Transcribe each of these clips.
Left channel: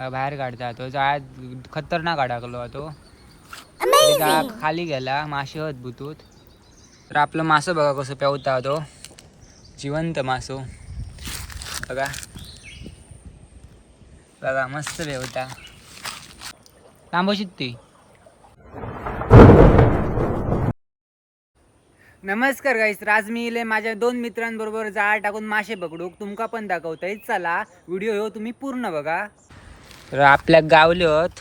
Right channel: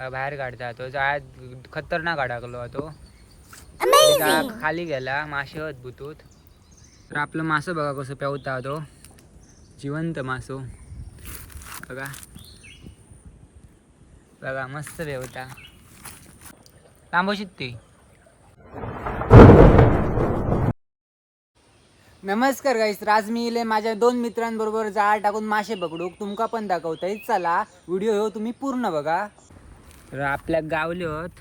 बाहेर काढता तो जाळ्यात खतरनाक अडकलो तो जाळा खाली गेला मासे होत बुतूत. तर आपलं मासं बघा कसं पेवता तो जिवंत मासो बघा बघा मस्त पेवता तांबोशीत ती. नमस्कार गाईस, आज मी इले माझ्या 2 मित्रांबरोबर जाळ टाकून मासे पकडूक तुमका पण दाखवतोय. चला व्हिडिओ हो तुम्ही पूर्ण बघा. तर आपल्या गावले होत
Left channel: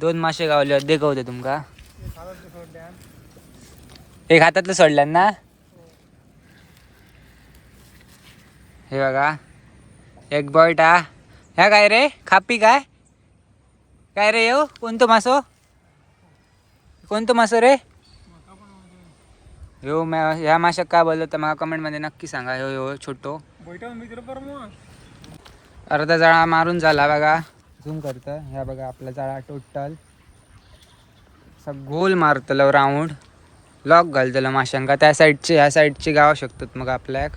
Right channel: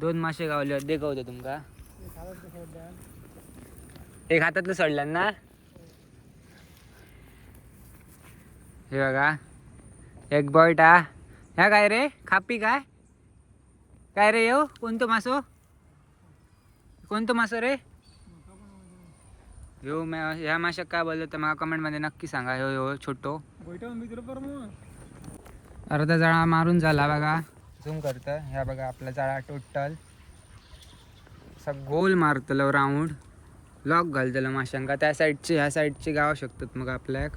2 मासे गावले होत दाखवते तुमका. एक हातातलं सोडल्यान ना, हे बघा एक बॉयटा. ह्या काय रे खापी काय काय रे येऊ कोणतो मासो कोणतो मासो रे ह्यो. ह्या माशाक काय बोललो तर मला कमेंटमध्ये नक्की सांगा. ह्यो ह्यो छोटो अर्धा जाळा मारून झाला बघा. झूम करतं ह्या बघा आपला जाळा टोटल असं गोल मारतलं राऊंड लॉक घालतलं माशांका. त्या साईडचे ह्या साईडचे गाव शकतात मग आपल्याक.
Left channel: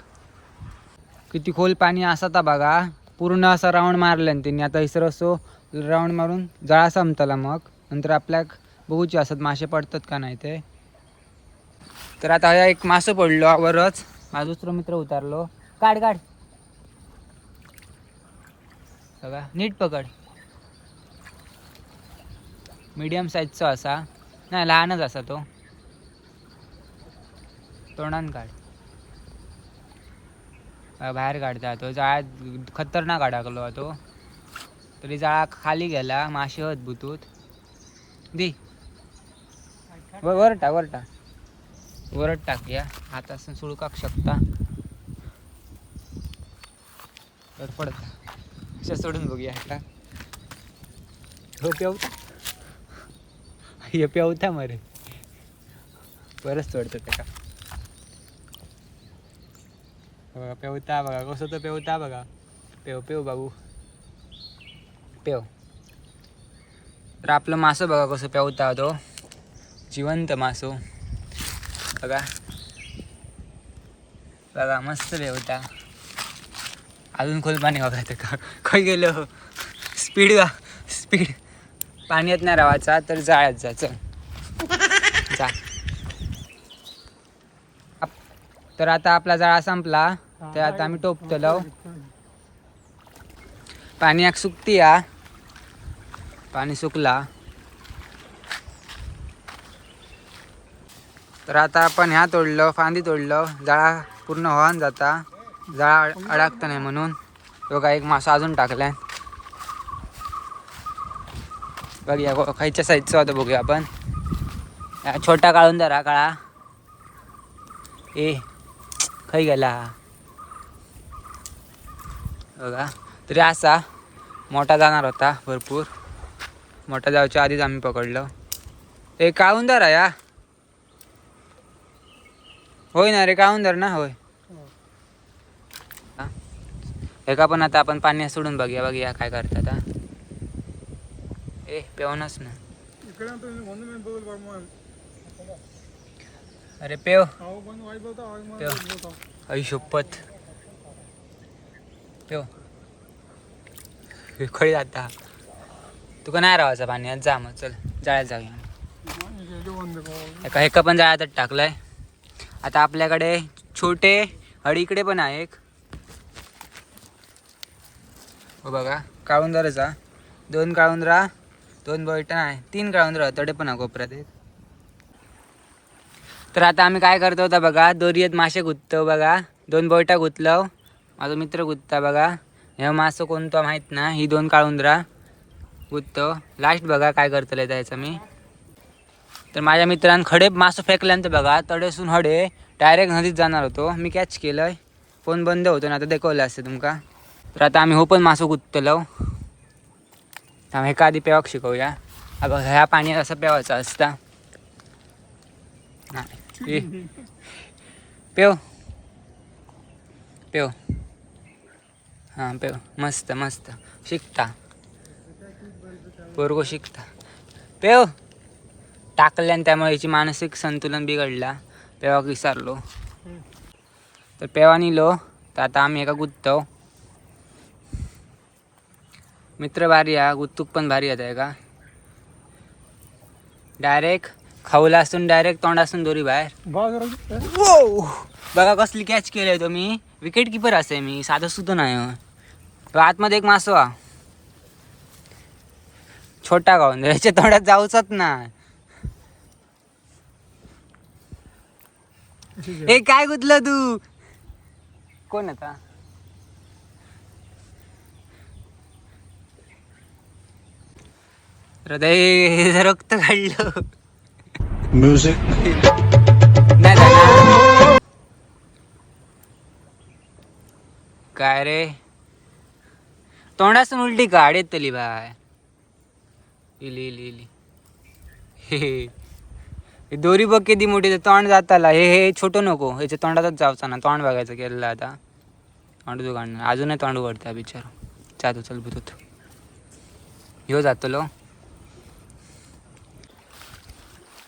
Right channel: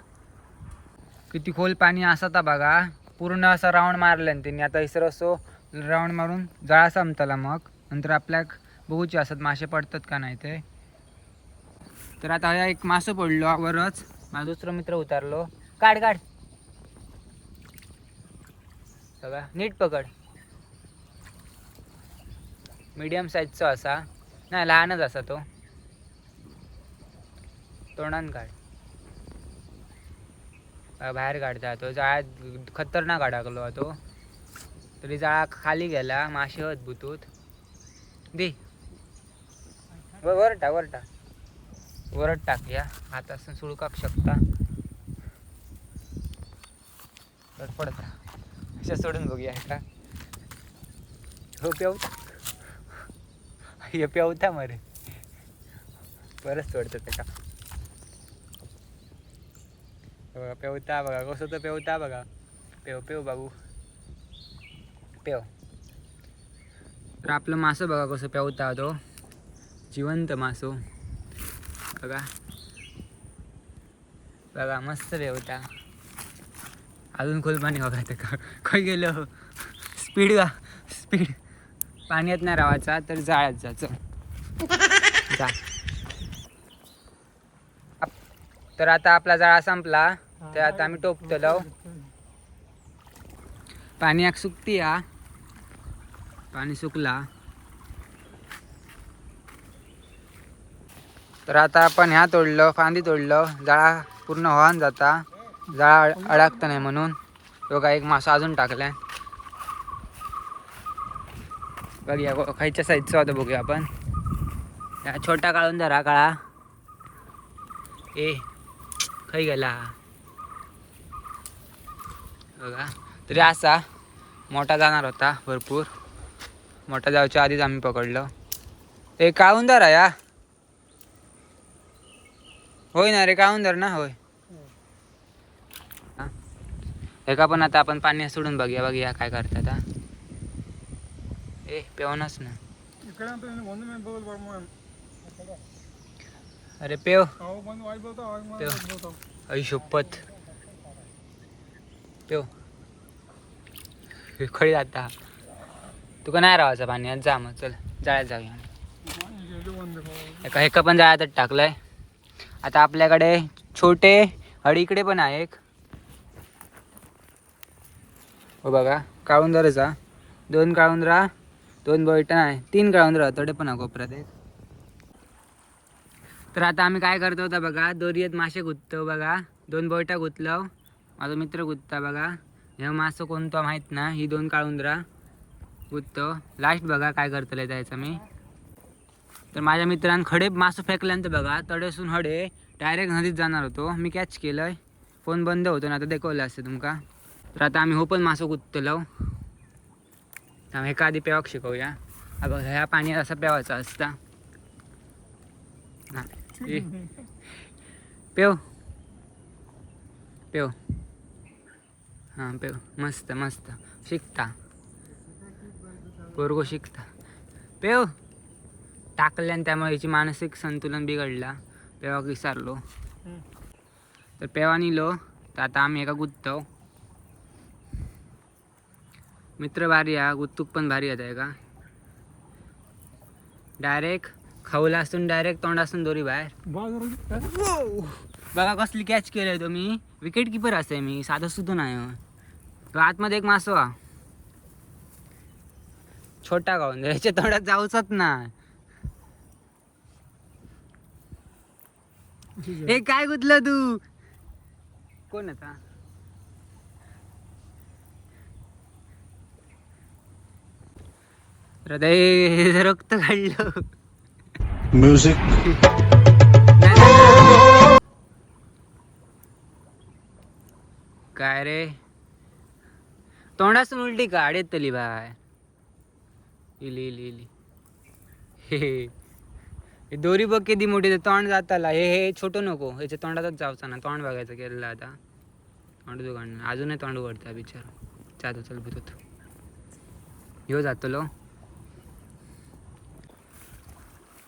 किती खोल पाणी असता बघा. पूर्ण असा राऊंड मारल्यान त्यांनी. आता इसर असो राऊंड मारून जाळा संपतला मग नंतर आपल्याक बघूचे असत मासे पडतात का नाही ते. तर आता ह्या एक मासं पडलो वरच. माझा दुसरा मित्र उतारलो. काढ काढ बघा नीट पकड. मीडियम साईजचा असा नाही लहानच असा तो. तोंडान काढ बाहेर काढता तो जाळ्यात खतरनाक अडकलो तो तरी जाळा खाली गेला मासे होत बुतूत. दे वर टाक वर टाक वरच टाक. या हात असं सुळकाक शकता पडता अशा सोडून बघूया का. हो पेवता हे पेवता मरे बरंच सोडतं त्या का. बघा पेवता बघा कसं तर पेवता बघा. पेव पेव बाबू पेव. तर आपलं मासं बघा कसं पेवता तो जिवंत मासो बघा बघा मस्त पेवता. अजून खोल पाणी बघायचं का काय गेलं स्पीड का स्पीड पाण्यात नाही राहायचा तर जाळ्यात जायचं जा. तर आता आपला जाळा संपला तर आता आम्ही टोपतलो. पाणी एक सुकती या पाणी सुकला तर आता आपण ह्या तोडलं फांदी तोडलं जाळा पूर्ण वाहून जाता. जाळा अडकता नाही म्हणून बघा एक मासा अजून टाकलाय. बघूया खायच्या साईजचा होता बघूया आपण. छोटा काढून धरा काळा ए खाई गेला बघा. तरी असा मोठा जाणार होता भरपूर. मोठा जायच्या आधीच आम्ही पकडलं. ए काढून धरा या होय ना रे काढून धर ना होय. एका पण आता आपण पाण्यात सोडून बघूया काय करतात. ए पेवनच ना अरे पेव पेव आई शपथ पेव खळी जाता तुका नाही राहायचं पाण्यात. जा मग चल जाळ्यात जाऊया. एका पण जाळ्यातच टाकलंय. आता आपल्याकडे छोटे हडीकडे पण आहे एक. हो बघा काळुंदराचा 2 काळुंदरा 2 बैठा नाही 3 काळुंदरा तडे पण आहे कोपऱ्यात एक. तर आता आम्ही काय करतो होता बघा दोरीत मासे गुंततो बघा. 2 बैठा गुंतलो माझा मित्र गुंतता बघा. हे मासं कोणतं माहीत ना. ही 2 काळुंदरा गुंततो. लास्ट बघा काय करतले त्याचं मी. तर माझ्या मित्रांन खडे मासं फेकल्यानंतर बघा तडेसून हडे डायरेक्ट नदीत जाणार होतो. मी कॅच केलंय. फोन बंद होतो ना आता दाखवलं असतं तुमका. तर आता आम्ही हो पण मासं गुंतलो. आम्ही एका आधी पेवाक शिकवूया. अगं ह्या पाण्यात असं पेवायचं असता नाही पेव पेव हां पेव मस्त मस्त शिकता पोरगो शिकता पेव टाकल्यान त्यामुळे याची मानसिक संतुलन बिघडला. पेवाक विसरलो तर पेवा निलो. तर आता आम्ही एका गुंततो मित्र भारी हा, गुत्तूक पण भारी आहे का. डायरेक्ट खाऊला असून डायरेक्ट तोंड असून दोरी बाहेर. बघा कसली कॅच केलंय तुम्ही. विकेट किपर असे मी, साधं सुद्धा नाही. तो आतमध्ये एक मासो हा छोटा गाऊन याच्या तोंडात जाऊच ना. हे काय गुतलं तू. कोण आता हृदय रक्त काढलं. म्युझिक नाही झालं. काय रे तोंडासून उलटी काढ येतली बाय. इली इली इली हे दोरी बघ किती मोठी. तोंड जाताला हे छोटं नको, ह्याच्या तोंडातच जावचा ना. तोंड बघायचं केलं आता. तोंड तू काढणार अजूनही तोंड उघडता बिचार. जातो चल बुत ह्यो जातलो.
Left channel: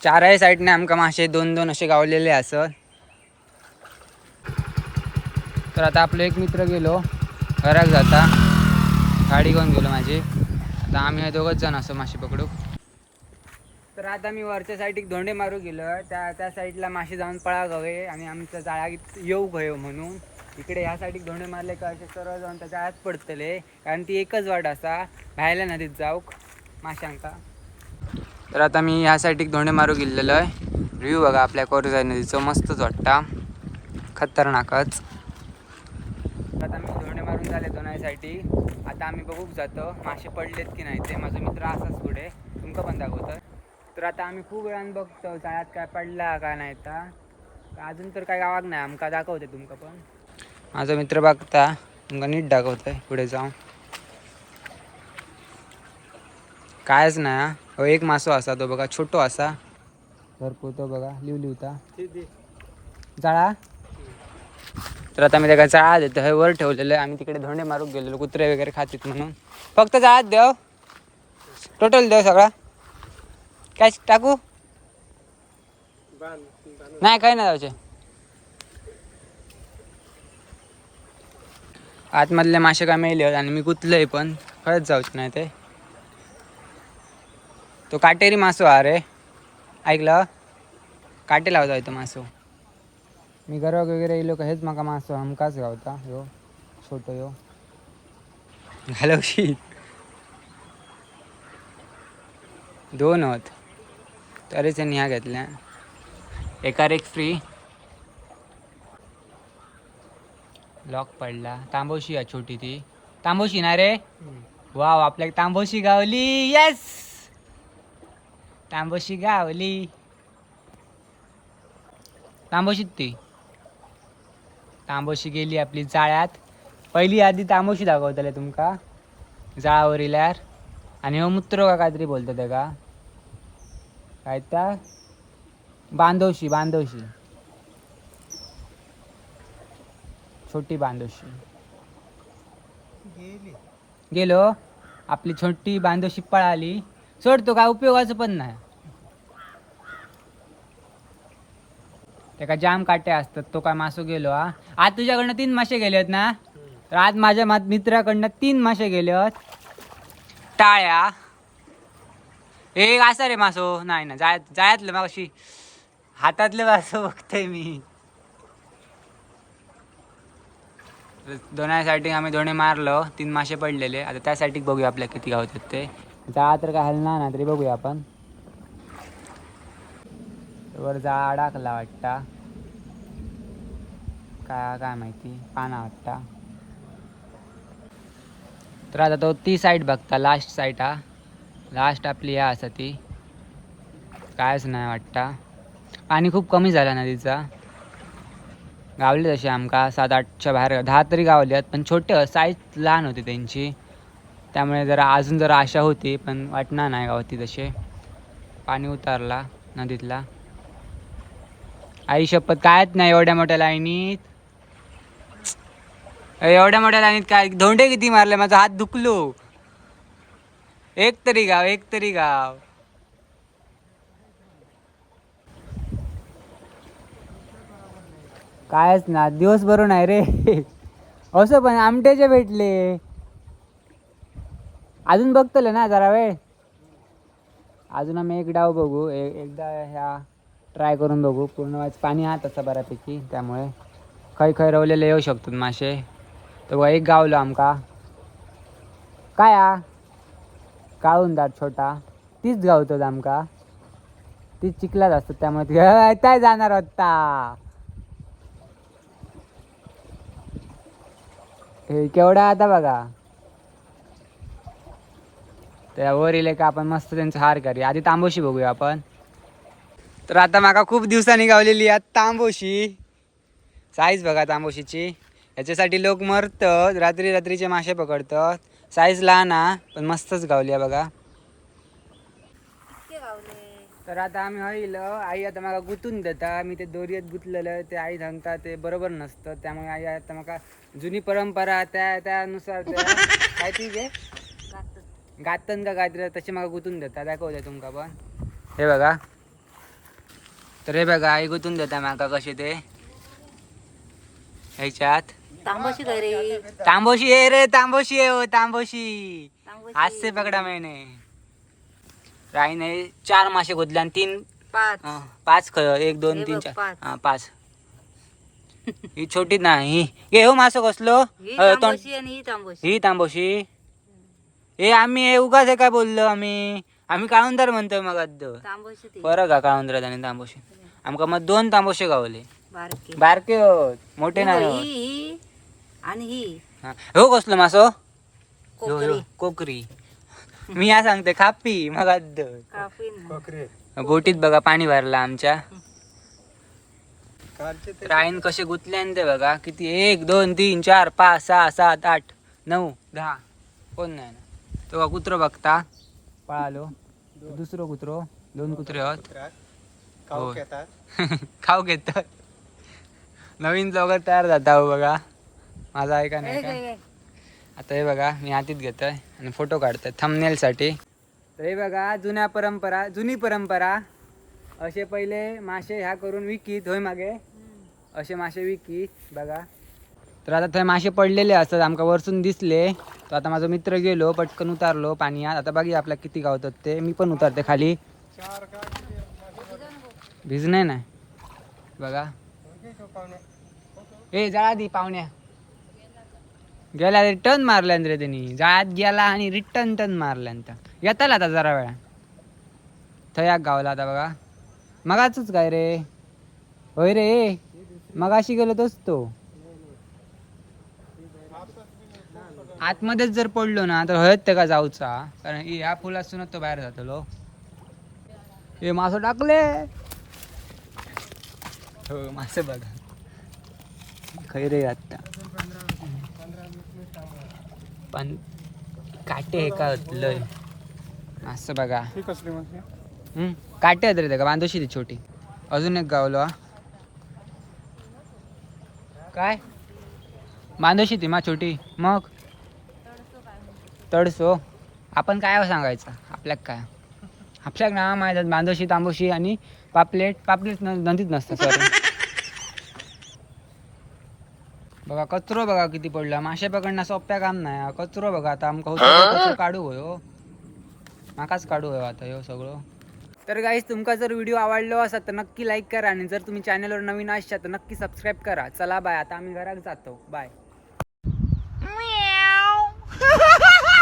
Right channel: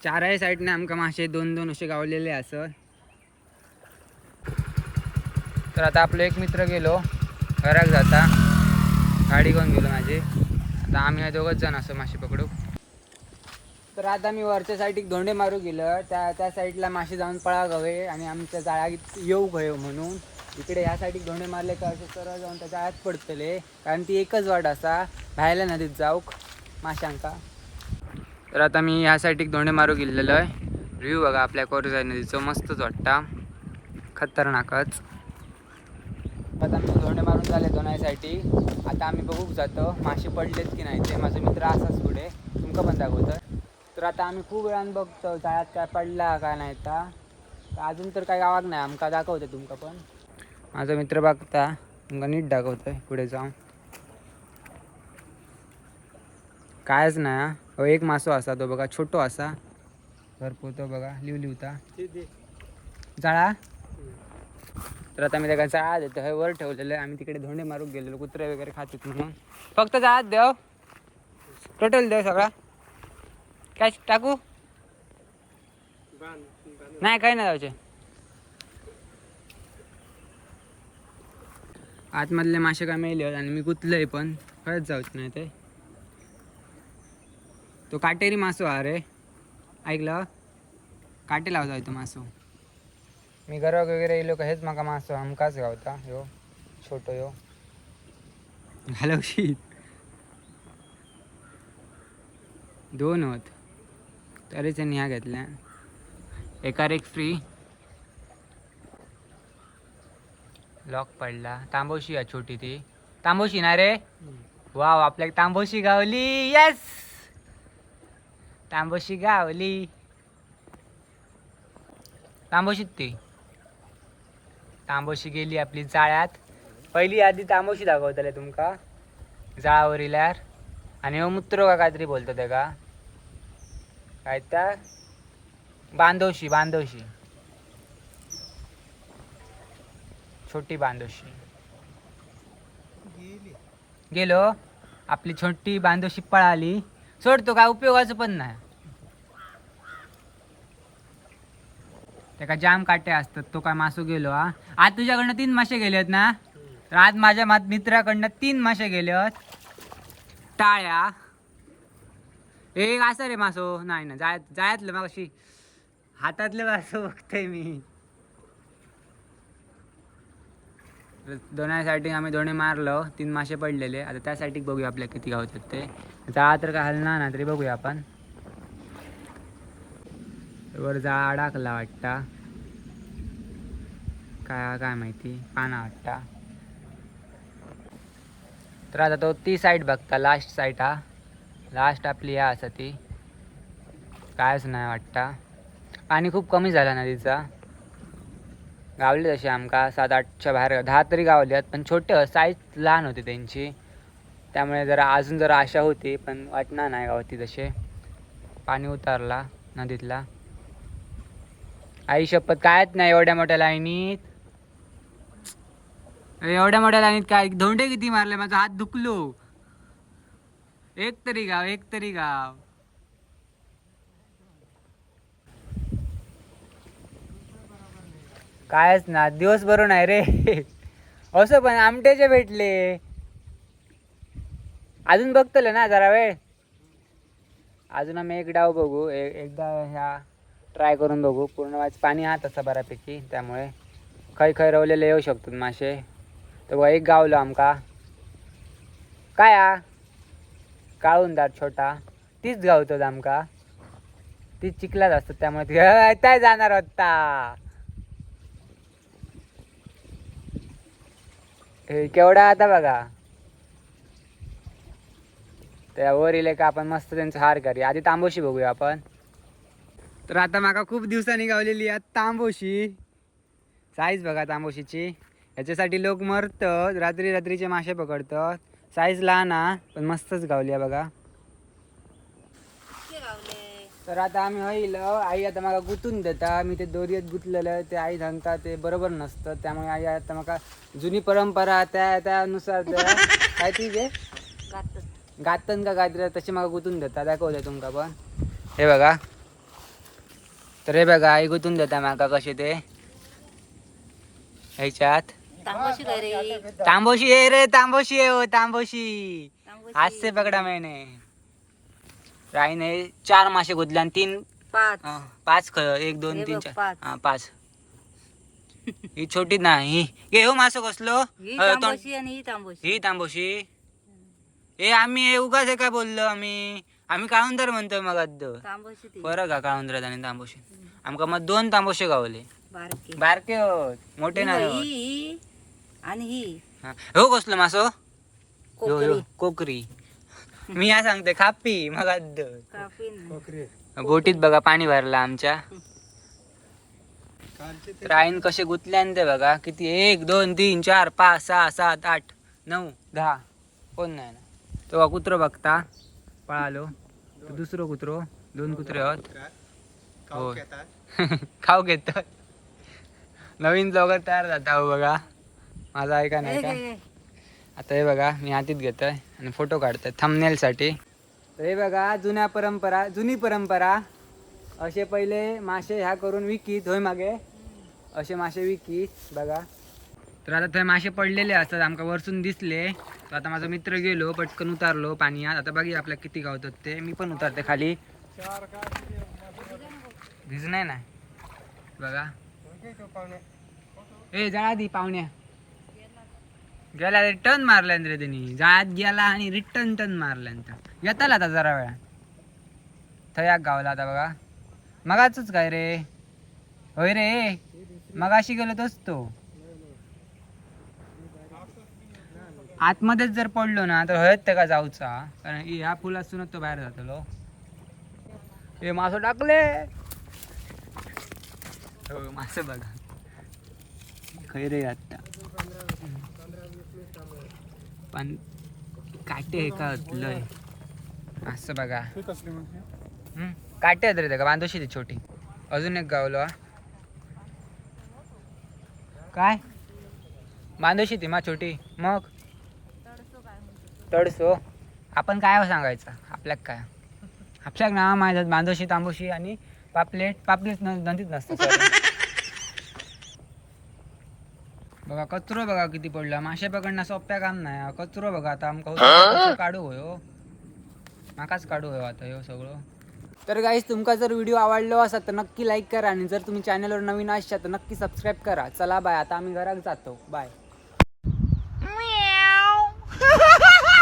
चारही साईडने आमका मासे दोन दोन असे गावलेले असत. तर आता आपलं एक मित्र गेलो घरात जाता, गाडी घेऊन गेलो माझी. आता आम्ही दोघंच जण असं मासे पकडू. तर आता मी वरच्या साईडीक धोंडे मारू गेलं. त्या साईडला मासे जाऊन पळा गवे आणि आमच्या जाळ्यात येऊ गयो म्हणून इकडे ह्या साईडीक धोंडे मारले का असे सरळ जाऊन त्या जाळ्यात पडतले. कारण ती एकच वाट असा बाहेरल्या नदीत जाऊक माशांका. तर आता मी ह्या साईडीक धोंडे मारू गेलेलो आहे. व्ह्यू बघा आपल्या कोरजाई नदीचं मस्तच वाटता, खतरनाकच. आता मी धोंडे मारून झाले दोन्ही साईडी. आता आम्ही बघूक जातो मासे पडलेत की नाही ते. माझा मित्र असाच पुढे तुमका पण दाखवतोय. तर आता आम्ही खूप वेळानं बघतो जाळ्यात काय पडला का नाही. अजून तर काय गावाक नाही, आमका दाखवते तुमका पण. माझा मित्र बघता तुमका नीट दाखवतोय पुढे जाऊन. कायच नाही. हो एक मासो असा तो बघा, छोटो असा भरपूर. तो बघा लिवता जाळा. तर आता मी त्याला जाळा देतो. हे वर ठेवलेलं आहे. आम्ही तिकडे धोंडे मारून गेलेलो कुत्रे वगैरे खातील म्हणून. फक्त जाळात देव, टोटल देव सगळा. काय टाकू नाही, काय नाही जायचे. आतमधले मासे काय मेले आणि मी गुतलंय पण खरंच जाऊच नाही ते. तो काटेरी मासो हा रे, ऐकलं. काटे लावता येतो मासो. मी घराक वगैरे येलो का हेच माका मासो हमकाच गावता. ह्यो छोटो ह्यो घालवशी दोन होत तरीच त्यांनी ह्या घेतल्या. एकार एक फ्री. लॉक पडला. तांबोशी आहे छोटी ती. तांबोशी ना रे. वाव आपल्या तांबोशी गावली. येस तांबोशी गावली. तांबोशीत ती तांबोशी गेली आपली जाळ्यात. पहिली आधी तांबोशी दाखवतले तुमका जाळावर इल्यार. आणि हो मुत्रो का काहीतरी बोलतो ते का काय त्या बांधवशी. बांधवशी छोटी बांधवशी गेलो. आपली छोटी बांधवशी पळाली. सोडतो काय उपयोगाचं पण नाही. त्याका जाम काटे असतात. तो काय मासो गेलो हा. आज तुझ्याकडनं 3 मासे गेले आहेत ना. तर आज माझ्या मित्राकडनं 3 मासे गेले आहेत. टाळ्या एक असा रे मासो नाही ना. जायतलं मग अशी हातातले मासो बघतोय मी. दोन्हीसाठी आम्ही दोन्ही मारलो. 3 मासे पडलेले. आता त्यासाठी बघूया आपल्या किती गावतात ते. जाळा तर काय हलणार ना तरी बघूया आपण. वर जाळा अडकला वाटता. काय माहिती पाना वाटता. तर आता तो ती साईड बघता लास्ट साईड हा. लास्ट आपली ह्या असा ती कायच नाही वाटता. पाणी खूप कमी झाला नदीचा. गावले तसे आमका 7-8च्या बाहेर 10 तरी गावल्यात. पण छोटे साईज लहान होती त्यांची. त्यामुळे जरा अजून जरा आशा होती पण वाटणार नाही गावती तसे. पाणी उतारला नदीतला. आई शपथ कायच नाही एवढ्या मोठ्या लाईनीत. एवढ्या मोठ्या लाईनीत काय धोंडे किती मारले. माझा हात दुखलो. एक तरी गाव. कायच ना दिवस बरोबर नाही रे. असं पण आमट्याचे भेटले. अजून बघतले ना जरा वेळ. अजून आम्ही एक डाव बघू, एकदा ह्या ट्राय करून बघू. पूर्ण वाच पाणी आहात असं बऱ्यापैकी, त्यामुळे खै खै रवलेले येऊ शकतात मासे. तर एक गावलो आमका काय काळुंदार छोटा तीच गावतो आमका. तीच चिखलात असतात त्यामुळे काय जाणार होता. हे केवढा आता बघा. त्या वर इले का आपण मस्त त्यांचा हार करूया. आधी तांबोशी बघूया आपण. तर आता माका खूप दिवसांनी गावलेली आहे तांबोशी. साईज बघा तांबोशीची. याच्यासाठी लोक मरतात, रात्री रात्रीचे मासे पकडतात. साईज लहान हा पण मस्तच गावली आहे बघा. तर आता आम्ही होईल आई आता मला गुंतून देता. मी ते दोरीत गुंतलेलं ते आई सांगता ते बरोबर नसतं. त्यामुळे आई आता मला जुनी परंपरा त्यानुसार काय ती जे गातन का काहीतरी तशी मला गुंतून देता. दाखवते तुमका पण हे बघा. तर हे बघा आई गुंतून देता माका कसे ते ह्याच्यात. तांबोशी काय रे? तांबोशी आहे रे, तांबोशी आहे. हो तांबोशी आज से पकडा मैंने. राईने 4 मासे गुंतले आणि 3 5 1 2 3 4 हा 5. ही छोटी नाही हे हो मासो कसलो. ही तांबोशी आणि ही तांबोशी. हे आम्ही उगाच काय बोललो आम्ही काळुंदर म्हणतोय मग तांबोशी फरक का काळुंदरात आणि तांबोशी. आमका मग 2 तांबोशे गावले. बारके बारके होत मोठे नाही होत. ही आणि ही हो कसलो मासो. कोकरी. कोकरी. मी या सांगते खापी मग कापी बोटीत बघा पाणी भरला आमच्या. राईन कसे गुंतले ते बघा किती 1 2 3 4 5 6 7 8 9 10 कोण नाही ना. तो कुत्रो बघता पळालो. दुसरं कुत्रो 2 कुत्रे आहोत. खाऊ घेतात. नवीन लोक तयार जाता बघा. माझा ऐका नाही का. आता हे बघा मी हातीत घेतोय आणि फोटो काढतोय थंबनेल साठी. तर हे बघा जुनी परंपरा असे पहिले मासे ह्या करून विकीत होय मागे असे मासे विकीत बघा. तर आता ते मासे पडलेले असतात आमका वरसून दिसले. तर आता माझा मित्र गेलो पटकन उतारलो पाण्यात. आता बघूया आपल्या किती गावतात ते. मी पण उतरते खाली. भिजणे नाही बघा. ए जाळा दी पाहुण्या. गेला रिटर्न मारल्यान रे त्यांनी. जाळ्यात गेला आणि रिटर्न टर्न मारल्यान. येताल आता जरा वेळा थयाक गावला आता बघा. मगाच काय रे होय रे मगाशी गेलो तोच तो. आतमध्येच जर पडलो ना तर हयत ते का जाऊचा. कारण ह्या फुलासूनच तो बाहेर जातलो. हे मासं टाकले. हो मासे बघा खैरे आता पण काटे हे का लय असं बघा. काटे आहेत रे का बांधोशी ती छोटी. अजून एक गावलो काय बांधोशी ती मा छोटी. मग तडसो आपण काय सांगायचं आपल्याक काय. आपल्याक ना माहिती बांधोशी तांबोशी आणि पापलेट नदीत नसतं. बघा कचरो बघा किती पडला. मासे पकडणं सोप्या काम नाही. कचरो बघा आता आमका काढू होय माकाच काढू होय आता हे सगळं. तर गाईस तुमका जर व्हिडिओ आवडलो असा तर नक्की लाईक करा आणि जर तुम्ही चॅनलवर नवीन असाल तर नक्की सबस्क्राईब करा. चला बाय. आता आम्ही घरात जातो. बाय.